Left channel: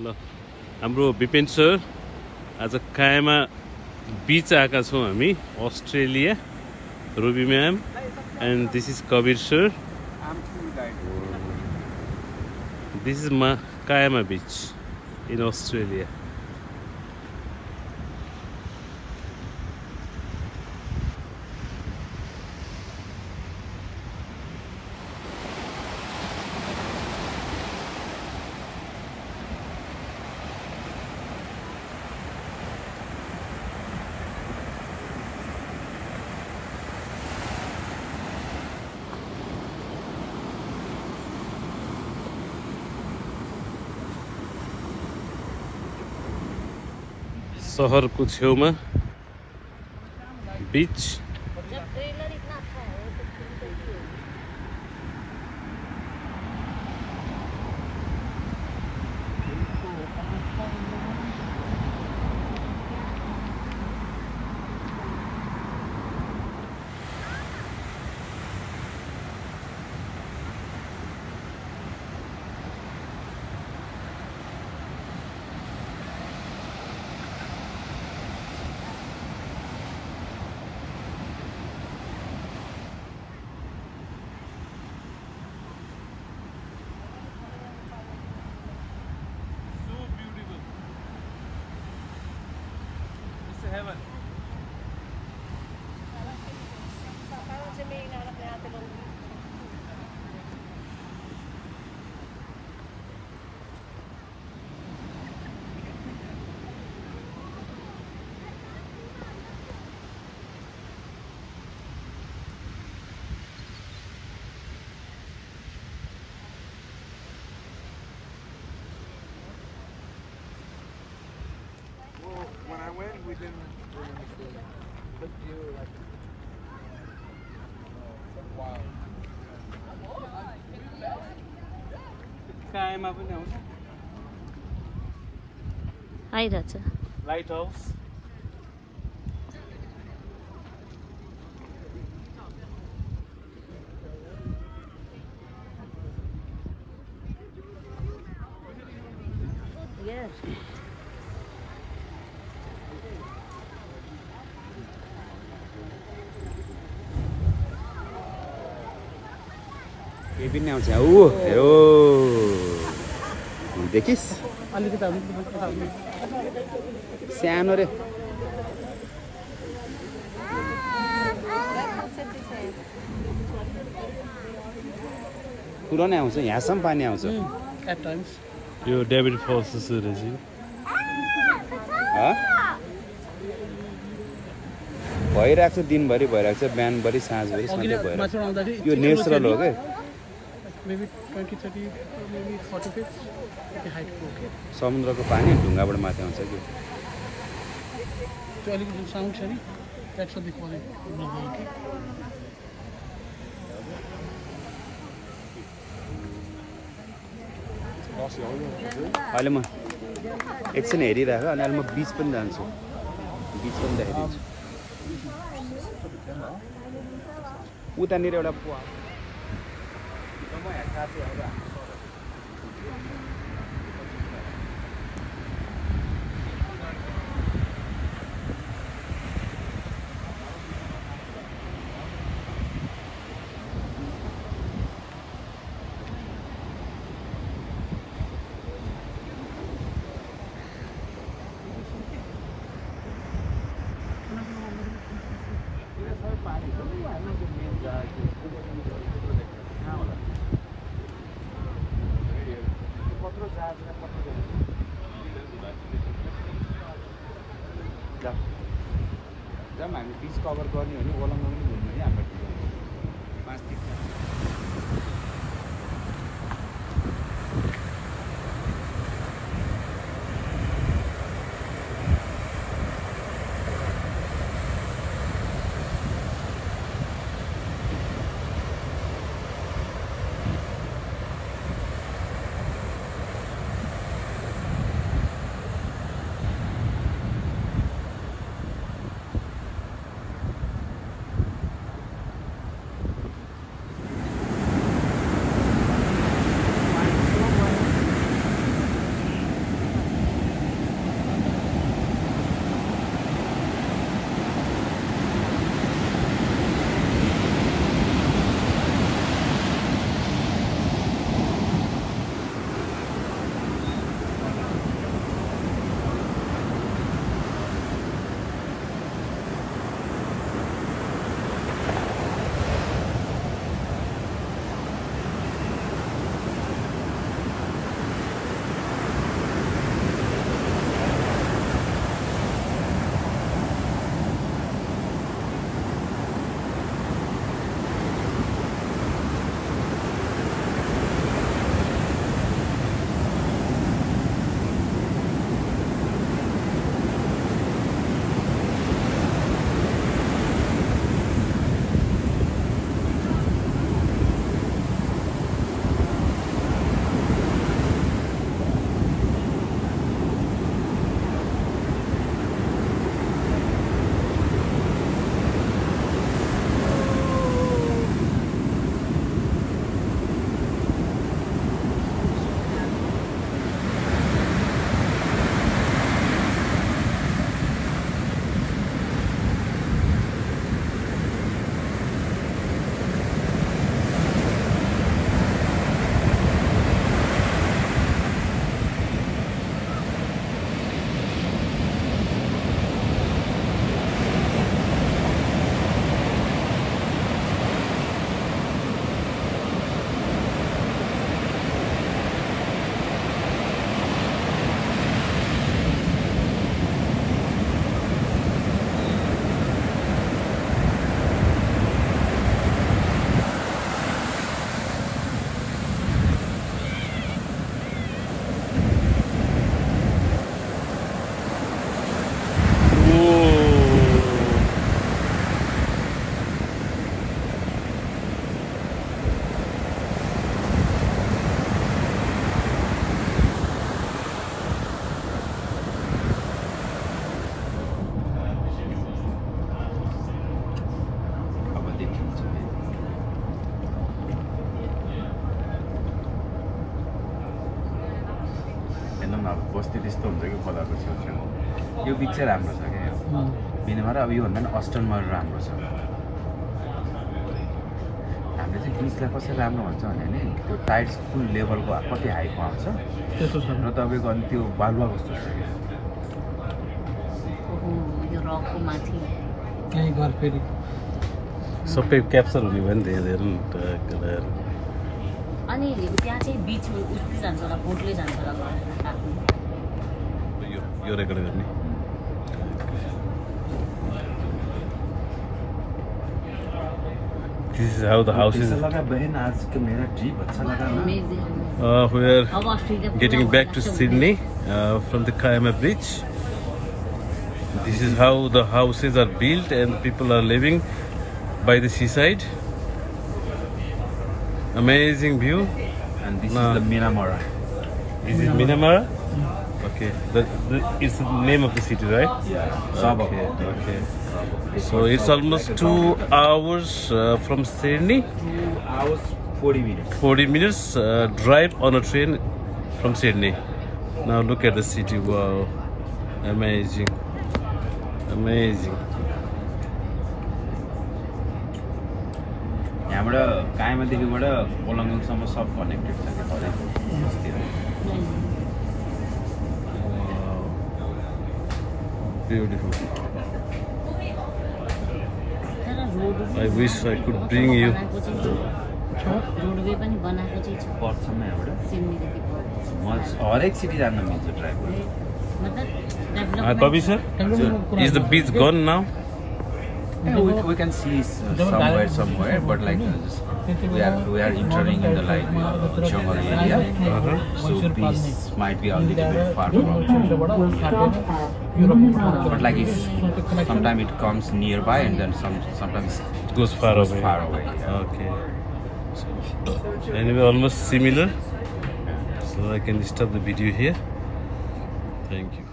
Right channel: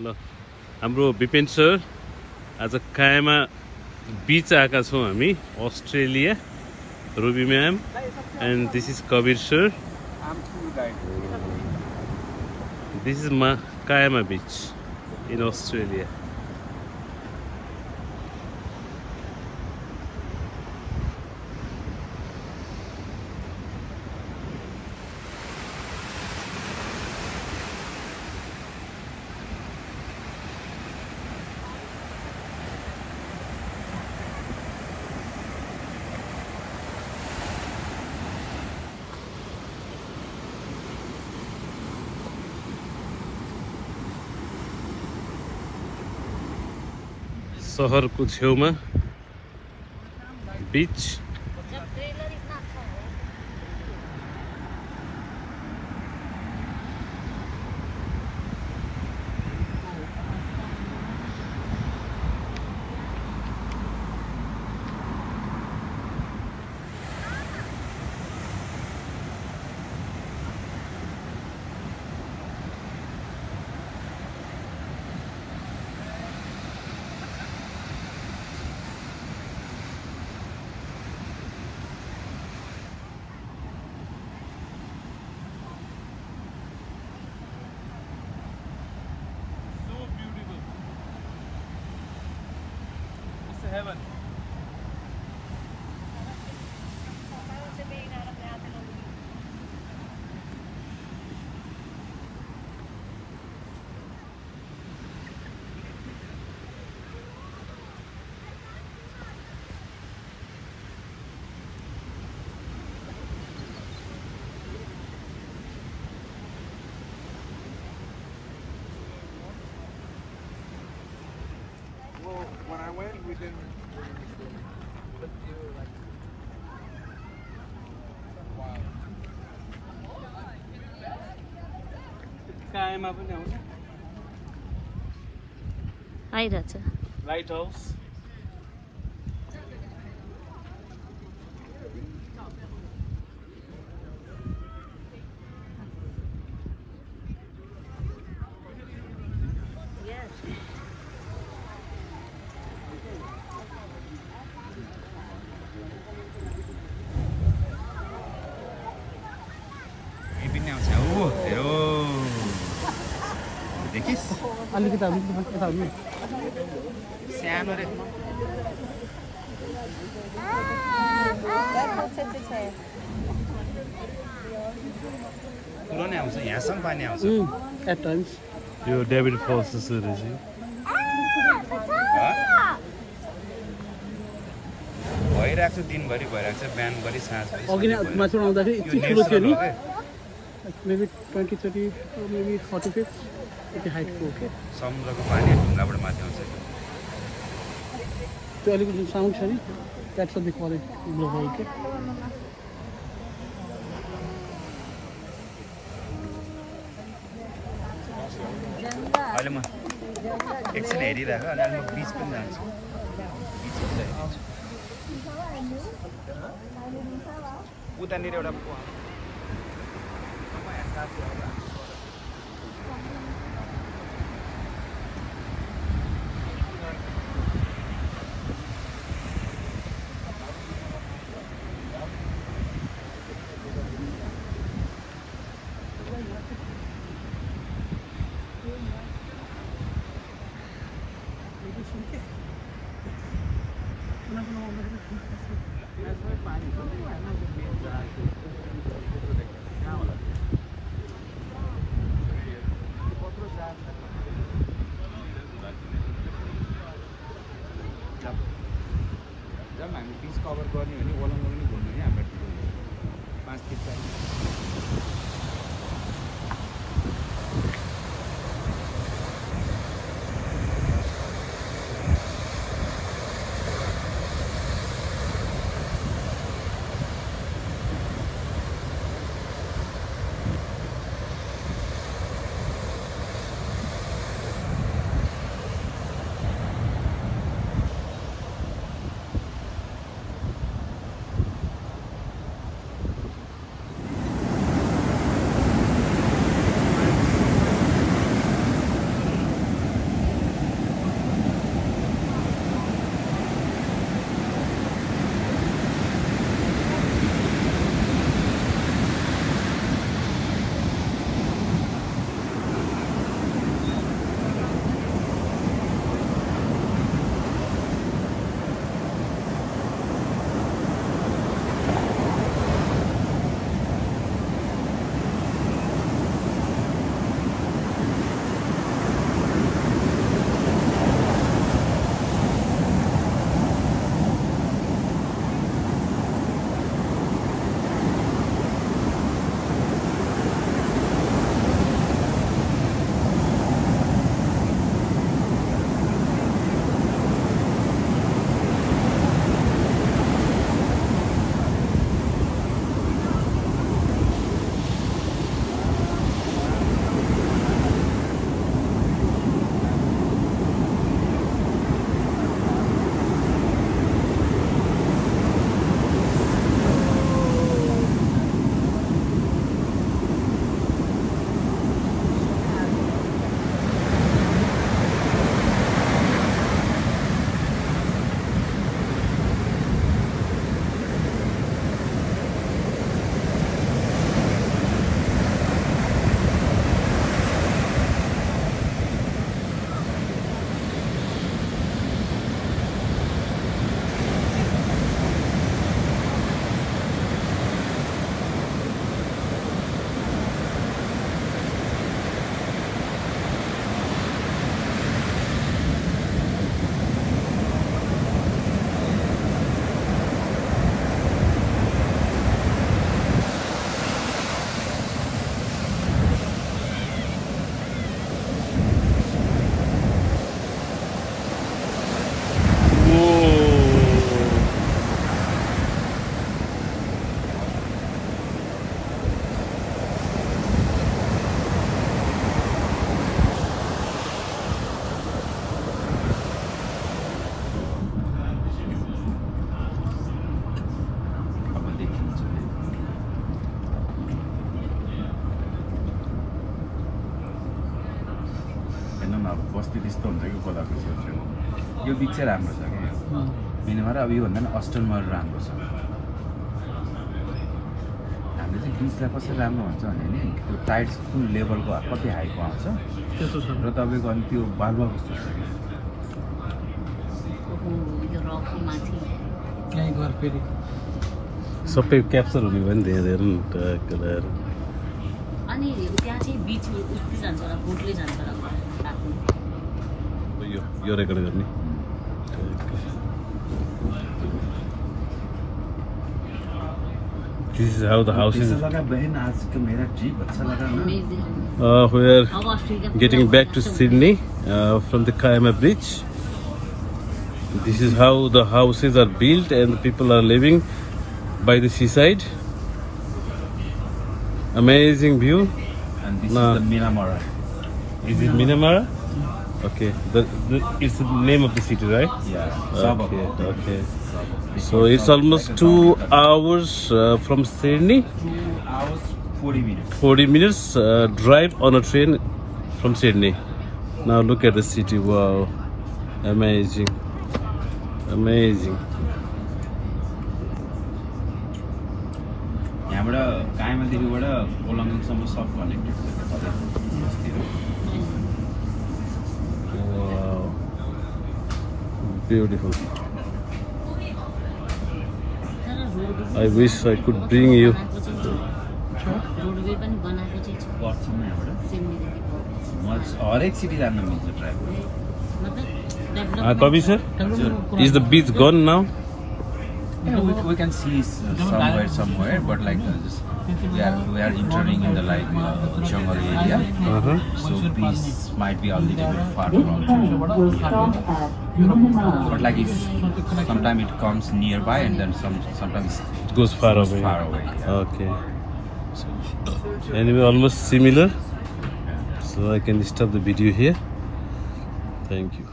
ल हाम्रो विपेन सर आज कायामा बीच आएका छौं हामी Australia Ruby ma'am and this is Kabir sir this is Kiama beach in Australia शहरको छेउमा बीच heaven. Well, when I went, we didn't. कायामा पनि आउँछ आइरहेछ लाइट हाउस पनि आउँछ यो देखिस् अलिकति सानो रे पुरो नै आउँछ यहाँसम्म पानी आउँछ एट टाइम्स यो डेभिड फल्स जस्तो रहेछ भइरहेको छ दिनभरि भइरहेको छ बिहानभरि साँझभरि माथि आउँदाखेरि यो नेचुरल हो के maybe 20, 30, maybe 40 feet. Okay, height को के समुद्रको पानी ढुङ्गाबाट माथि आउँछ त्यो अलिकति साउन्ड छ नि that's what they call it the hole के अहिले म एकछिन हेरिरहेको अनि अहिले म बीच पनि जान्छु बीच पनि हेरिदिन्छु उतानिर एउटा जब हामी बीच कभर गर्ने हो भने ओलङ्गो पनि घुम्ने नि हाम्रो 5 फीट हेर्नु न अब बस्ती त्यस्तो हुन्छ कि खोलाको छेउछेउ यो बिच चाहिँ राम्रो छ क्या मिनामारा अब योभन्दा पनि अस्टनमार राम्रो छ हामीले चाहिँ बिचलाई कसरी राम्रो भन्छ भने नि त्यो टाइड्स कुन लेभलको कति हाईको आउँछ र तपाईँको अनि त्यो बालुवा कस्तो छ कि सबै क्याप्चर हुने भयो नि त्यहाँ हेर्नु न कलर अनि त्यहाँ चाहिँ बीच उस्तो जान्छ होला बोटले जान्छ होला यो रेकर्ड गर्ने This is how the house is. We are getting back to Sydney from the Kiama Bridge. This is how the houses are built and the people are living by the seaside. Amazing view. And this is the Minamara. Is it Minamara? Okay, it's the name of the city, right? Yeah. Okay, okay. So it's almost 2 hours from Sydney. 2 hours 40 minutes. 40 minutes drive on a train from Sydney. Now look at the city. Wow, amazing, amazing. यहाँबाट कायमादेखिबाट कोलङ्गङसम्म सब connected छ क्या हरेक बस्तीहरू Wow, beautiful. I wish I could bring you. Roadway पनि बनाएको चाहिँ छ पर्छौँ यहाँबाट सिडनीदेखि म हरेक सिटी जान मिल्छ ड्राइभ गर्नु मतलब Kavi sir, is the beach gone now? we can see somewhere but like we are entering in the like jungle area so beach might be a little bit far from but like if sometimes it comes nearby and then sometimes It goes far away. Okay. So, anyway, almost similar. So I can stop the video here. Thank you.